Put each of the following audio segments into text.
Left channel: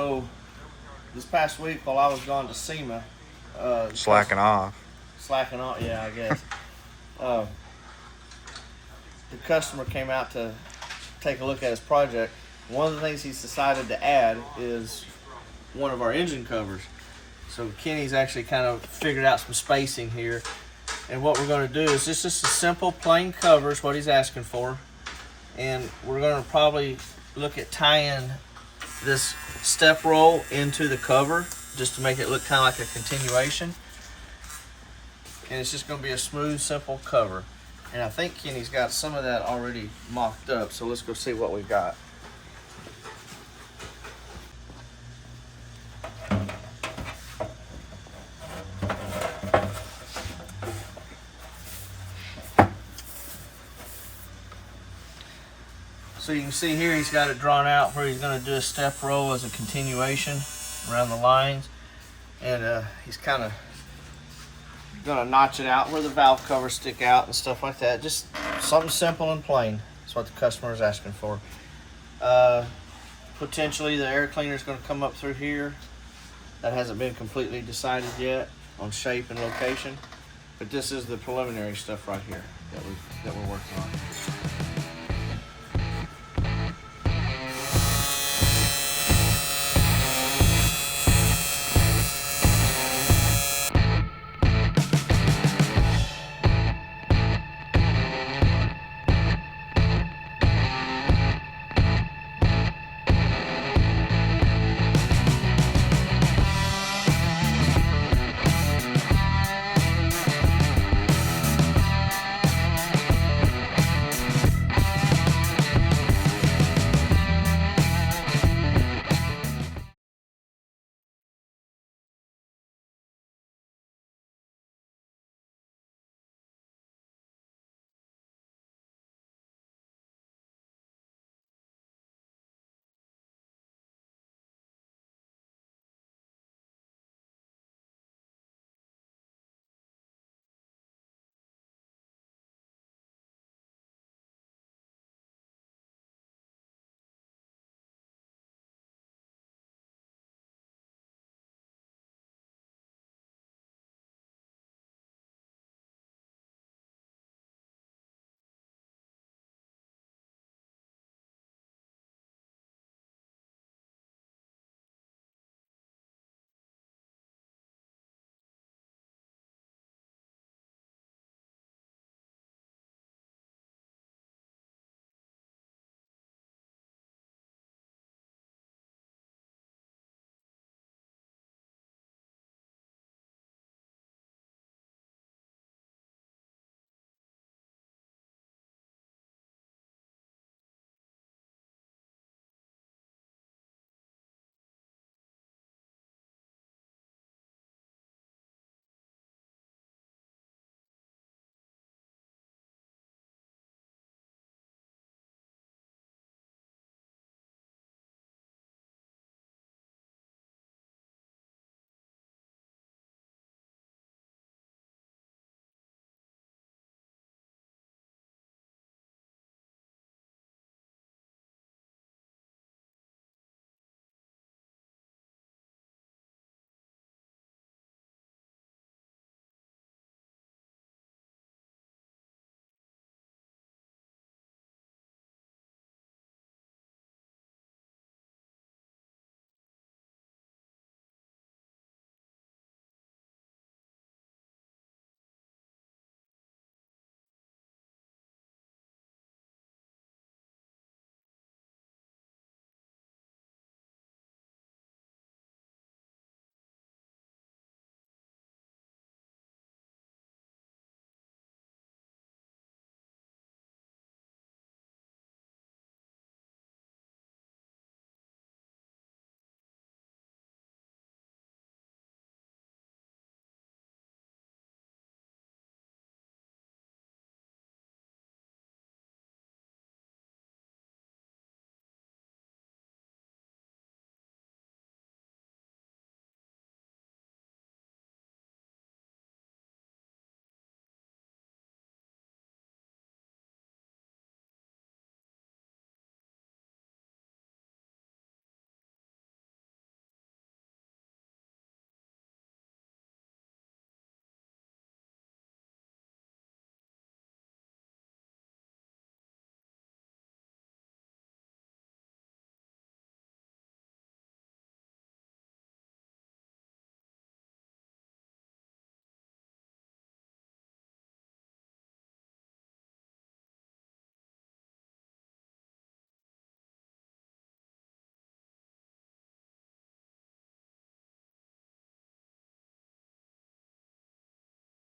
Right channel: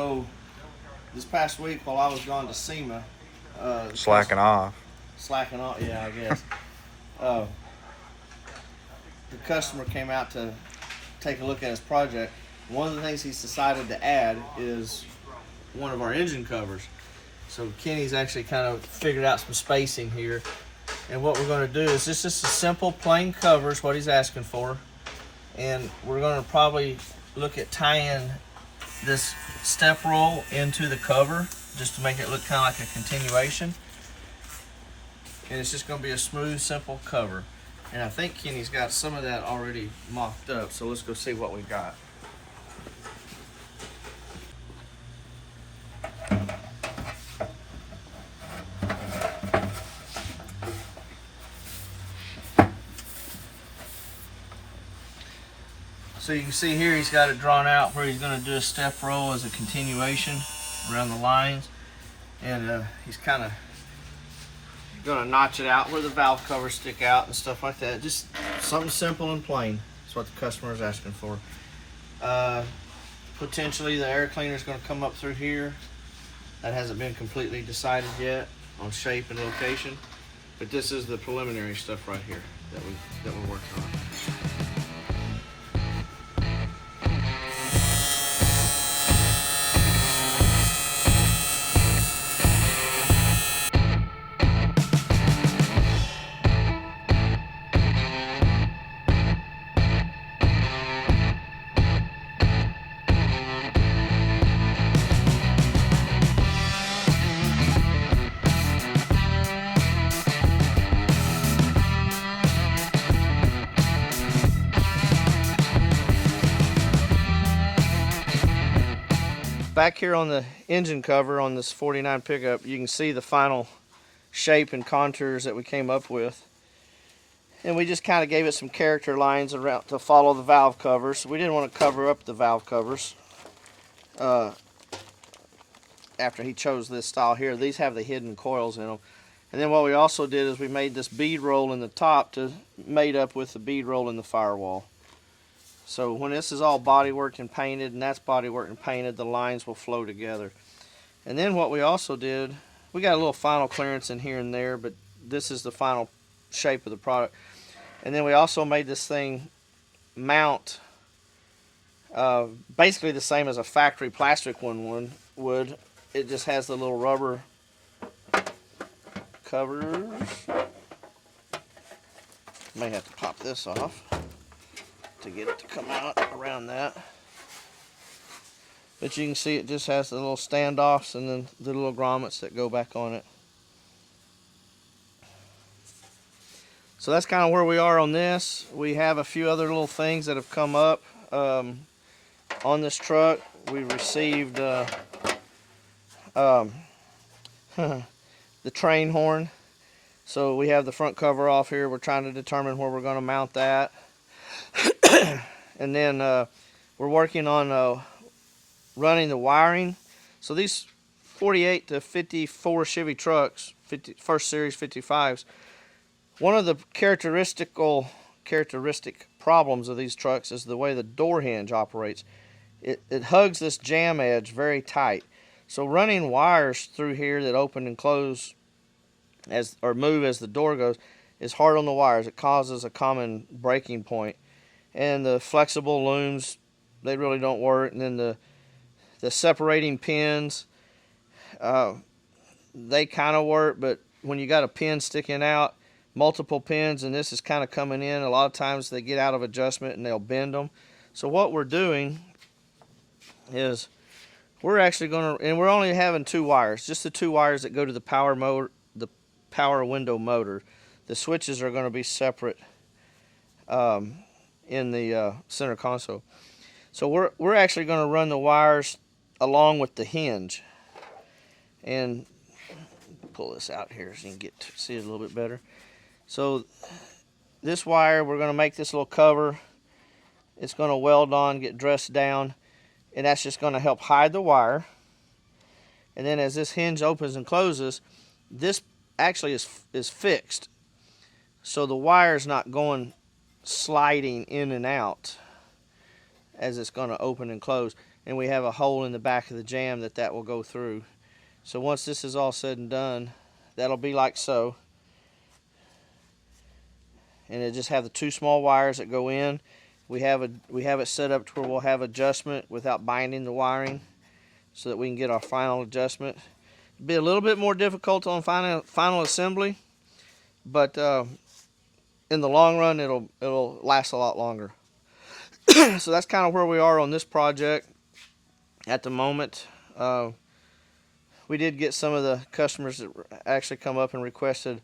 So this past week while I was gone to SEMA, Slacking off. Yeah, I guess. uh, the customer came out to take a look at his project. One of the things he's decided to add is one of our engine covers. So Kenny's actually kind of figured out some spacing here. And what we're going to do is just a simple plain cover is what he's asking for. And we're going to probably look at tying this step roll into the cover just to make it look kind of like a continuation. And it's just going to be a smooth, simple cover. And I think Kenny's got some of that already mocked up, so let's go see what we've got. So you can see here he's got it drawn out where he's going to do a step roll as a continuation around the lines. And he's kind of going to notch it out where the valve covers stick out and stuff like that. Just something simple and plain. That's what the customer is asking for. Potentially the air cleaner is going to come up through here. That hasn't been completely decided yet on shape and location. But this is the preliminary stuff right here that we're working on. Back here on the engine cover on this 49 pickup, you can see the final shape and contours that we came up with. And we just kind of gave it some character lines around to follow the valve covers. We didn't want to cover up the valve covers. After he chose this style here, these have the hidden coils in them. And then what we also did is we made this bead roll in the top to mate up with the bead roll in the firewall. So when this is all bodyworked and painted, and that's bodyworked and painted, the lines will flow together. And then what we also did, we got a little final clearance in here and there, but this is the final shape of the product. And then we also made this thing mount basically the same as a factory plastic one would. It just has the little rubber covers. May have to pop this off to get it to come out around that. But you can see it just has the little standoffs and then the little grommets that go back on it. So that's kind of where we are on this. We have a few other little things that have come up on this truck. We received the train horn. So we have the front cover off here. We're trying to determine where we're going to mount that. And then we're working on running the wiring. So these 48 to 54 Chevy trucks, first series 55s, one of the characteristic problems of these trucks is the way the door hinge operates. It hugs this jam edge very tight. So running wires through here that open and close or move as the door goes is hard on the wires. It causes a common breaking point. And the flexible looms, they really don't work. And then the separating pins, they kind of work, but when you got a pin sticking out, multiple pins, and this is kind of coming in, a lot of times they get out of adjustment and they'll bend them. So what we're doing is we're actually going to, and we're only having two wires, just the two wires that go to the power motor, the power window motor. The switches are going to be separate in the center console. So we're actually going to run the wires along with the hinge. And pull this out here so you can get to see it a little bit better. So this wire, we're going to make this little cover. It's going to weld on, get dressed down, and that's just going to help hide the wire. And then as this hinge opens and closes, this actually is fixed. So the wire is not sliding in and out as it's going to open and close. and we have a hole in the back of the jam that will go through. So once this is all said and done, that'll be like so. And it just have the 2 small wires that go in. We have it set up to where we'll have adjustment without binding the wiring, so that we can get our final adjustment. It'll be a little bit more difficult on final assembly, but in the long run, it'll last a lot longer. So that's kind of where we are on this project at the moment. We did get some of the customers that actually come up and requested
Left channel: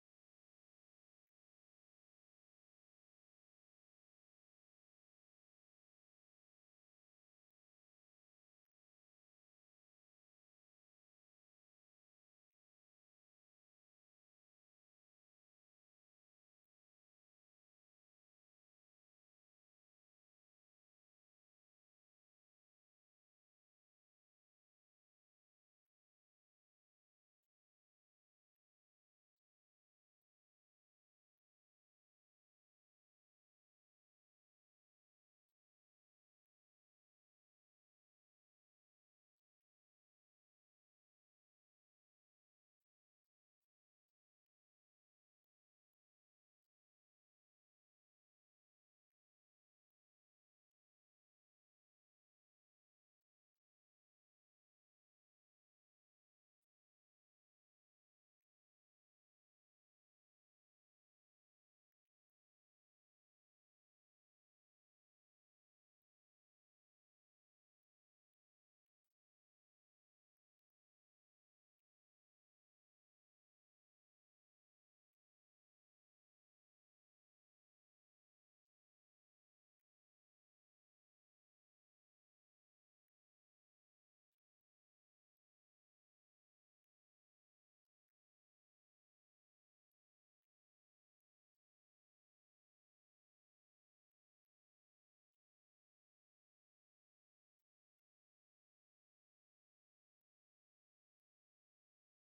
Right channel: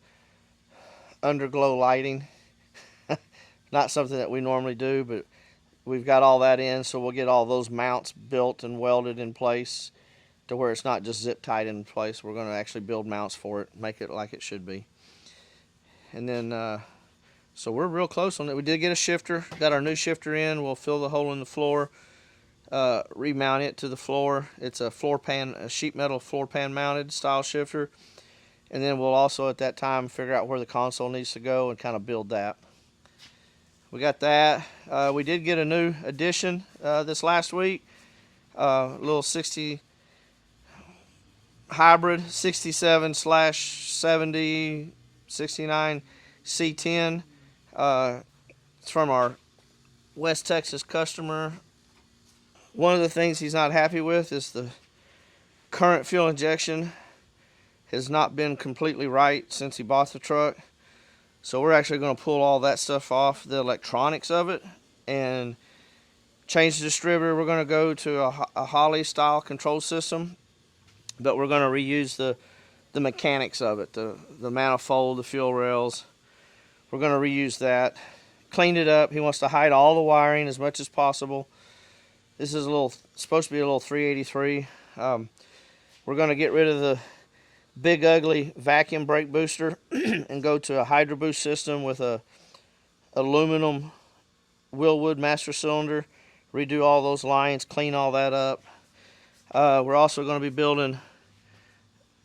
underglow lighting. Not something that we normally do, but we've got all that in, so we'll get all those mounts built and welded in place to where it's not just zip tied in place. We're going to actually build mounts for it, make it like it should be. And then, so we're real close on it. We did get a shifter, got our new shifter in. We'll fill the hole in the floor, remount it to the floor. It's a sheet metal floor pan mounted style shifter. And then we'll also at that time figure out where the console needs to go and kind of build that. We got that. We did get a new addition this last week. Little 60 hybrid 67/70 69 C10. It's from our West Texas customer. One of the things he's not happy with is the current fuel injection has not been completely right since he bought the truck. So we're actually going to pull all that stuff off, the electronics of it, and change the distributor. We're going to go to a Holley style control system, but we're going to reuse the mechanics of it, the manifold, the fuel rails. We're going to reuse that. Cleaned it up. He wants to hide all the wiring as much as possible. This is supposed to be a little 383. We're going to get rid of the big ugly vacuum brake booster and go to a Hydro Boost system with a aluminum Willwood master cylinder. Redo all those lines, clean all that up. We're also going to be building,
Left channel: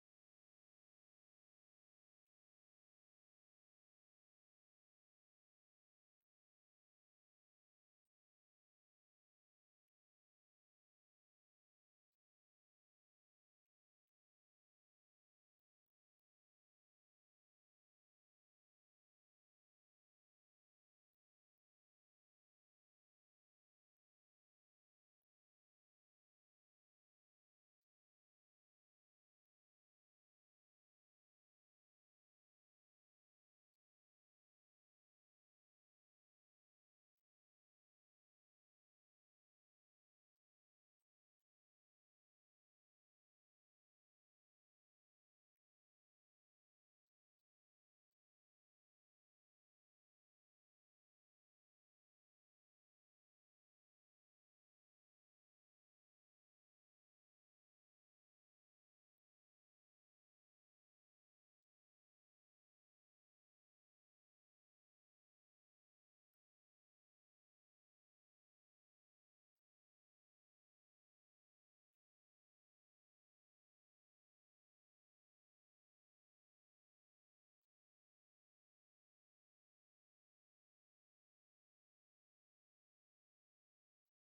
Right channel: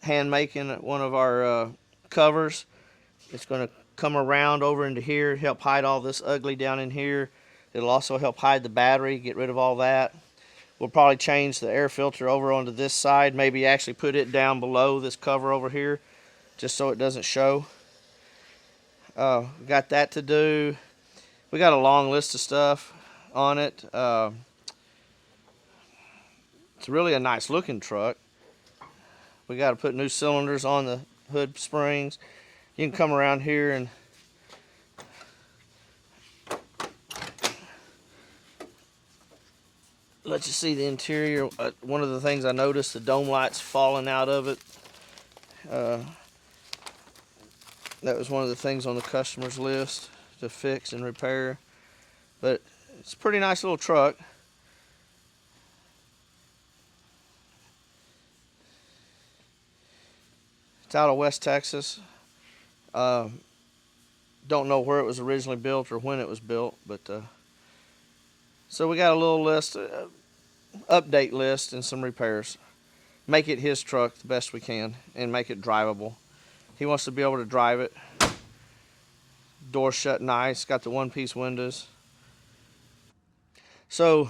hand making one of our covers. It's going to come around over into here, help hide all this ugly down in here. It'll also help hide the battery, get rid of all that. We'll probably change the air filter over onto this side, maybe actually put it down below this cover over here, just so it doesn't show. Got that to do. We got a long list of stuff on it. It's really a nice looking truck. We got to put new cylinders on the hood springs. You can come around here and let you see the interior. One of the things I noticed, the dome lights falling out of it. That was one of the things on the customer's list to fix and repair. But it's a pretty nice little truck. It's out of West Texas. Don't know where it was originally built or when it was built, but so we got a little list, update list, and some repairs. Make it his truck the best we can and make it drivable. He wants to be able to drive it. Door shut nice, got the one-piece windows. So,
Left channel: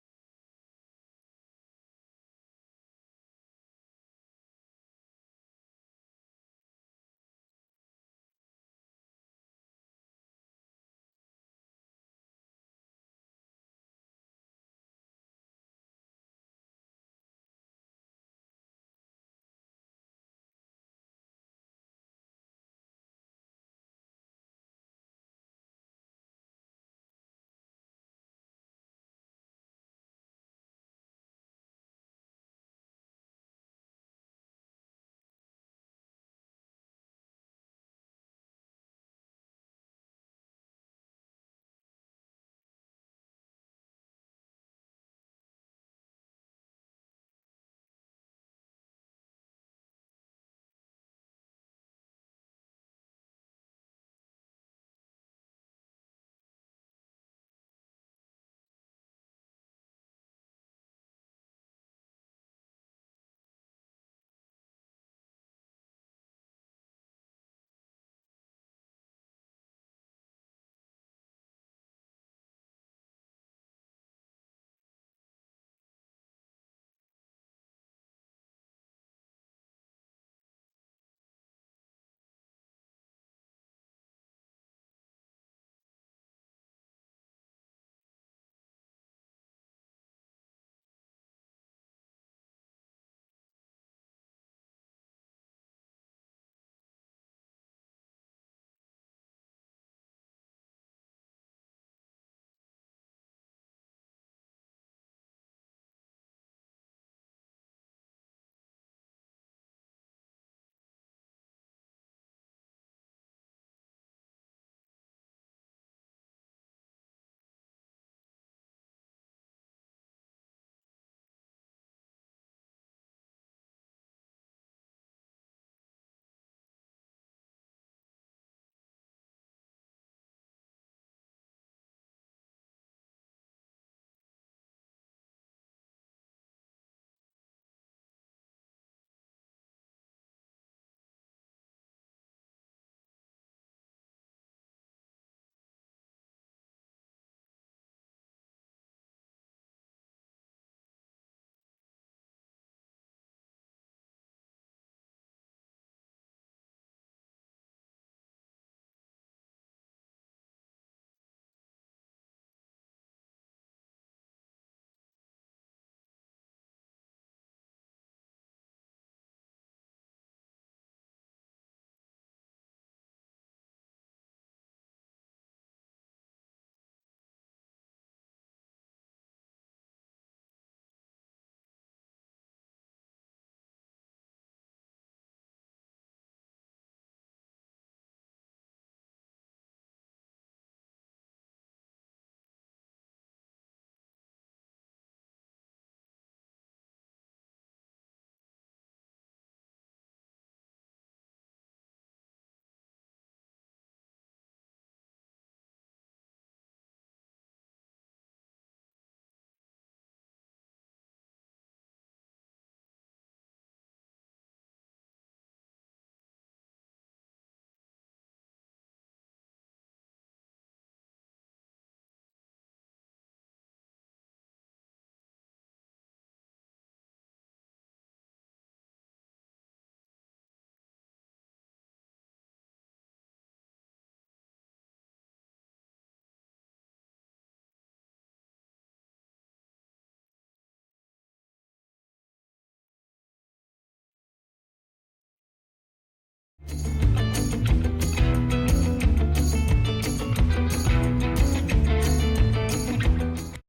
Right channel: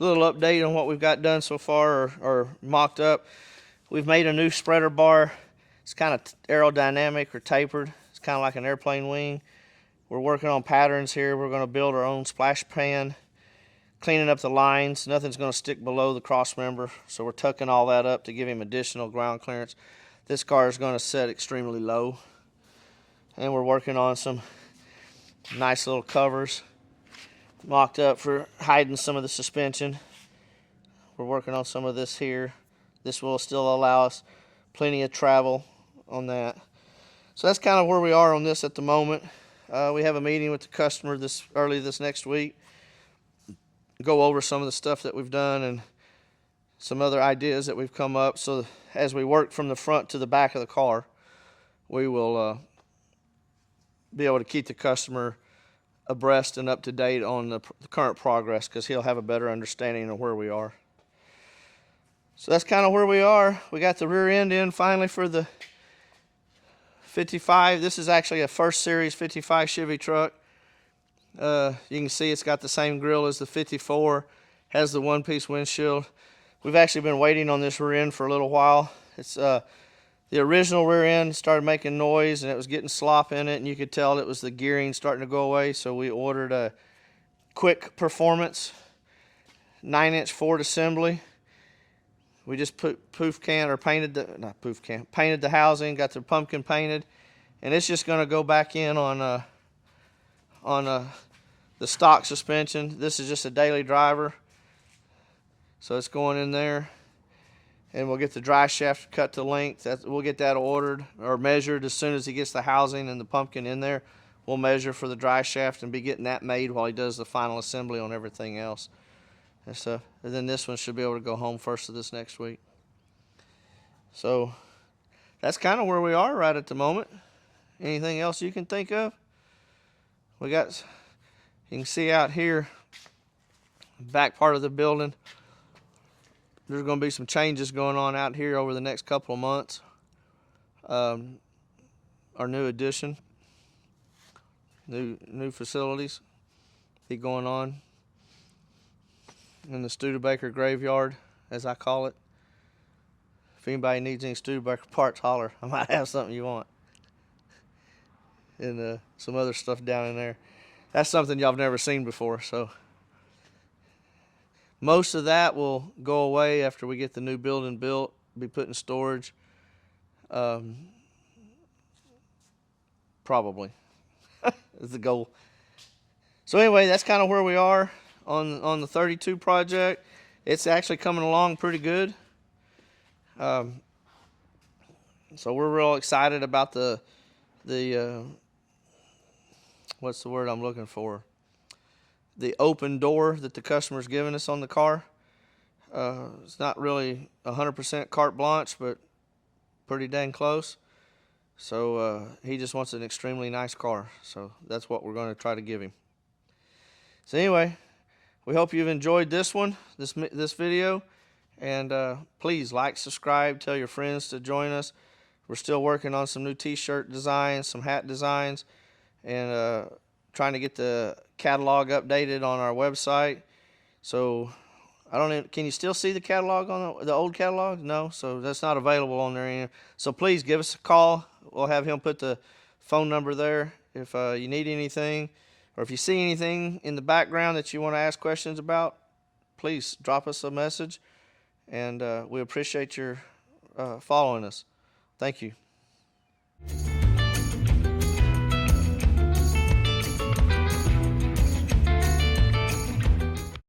a little update on what we've got done so far or mocked up. We've made a new spreader bar. It's kind of aerodynamic or tapered. It's kind of like an airplane wing. We're working on patterns here. We're going to build our own splash pan, cleaning up the lines. Nothing's going to stick below the cross member, so we're tucking all that up to give him additional ground clearance. This car is going to set extremely low, and we're working on some nice little covers mocked up for hiding some of the suspension. We're working on some of this here. This will still allow us plenty of travel on that. So that's kind of where we are on this at the moment. We have a meeting with the customer early this next week. Go over some of the stuff that we've done and some other ideas that we've come up. So as we work from the front to the back of the car, we will be able to keep the customer abreast and up to date on the current progress, because he'll have a better understanding of where we are. So that's kind of where we are. We got the rear end in finally for the 55. This is actually a first series 55 Chevy truck. You can see it's got the same grill as the 54. has the one-piece windshield. We've actually been waiting on this rear end for a little while. It's the original rear end started making noise and it was getting slop in it, and you could tell it was the gearing starting to go away. So we ordered a quick Performce 9-inch Ford assembly. We just put painted the housing, got the pumpkin painted, and it's just going to go back in on the stock suspension. This is just a daily driver, so it's going in there, and we'll get the dry shaft cut to length. We'll get that ordered or measured as soon as he gets the housing and the pumpkin in there. We'll measure for the dry shaft and be getting that made while he does the final assembly on everything else. And then this one should be able to go home first of this next week. So that's kind of where we are right at the moment. Anything else you can think of? You can see out here, back part of the building, there's going to be some changes going on out here over the next couple of months. Our new addition, new facilities be going on in the Studebaker graveyard, as I call it. If anybody needs any Studebaker parts, holler. I might have something you want. And some other stuff down in there. That's something y'all have never seen before. So most of that will go away after we get the new building built, be put in storage. Probably is the goal. So anyway, that's kind of where we are on the 32 project. It's actually coming along pretty good. So we're real excited about the what's the word I'm looking for? The open door that the customer's giving us on the car. It's not really 100% carte blanche, but pretty dang close. So he just wants an extremely nice car. So that's what we're going to try to give him. So anyway, we hope you've enjoyed this one, this video. And please like, subscribe, tell your friends to join us. We're still working on some new t-shirt designs, some hat designs, and trying to get the catalog updated on our website. So can you still see the catalog on the old catalog? No, so that's not available on there anymore. So please give us a call. We'll have him put the phone number there if you need anything, or if you see anything in the background that you want to ask questions about. Please drop us a message, and we appreciate your following us. Thank you.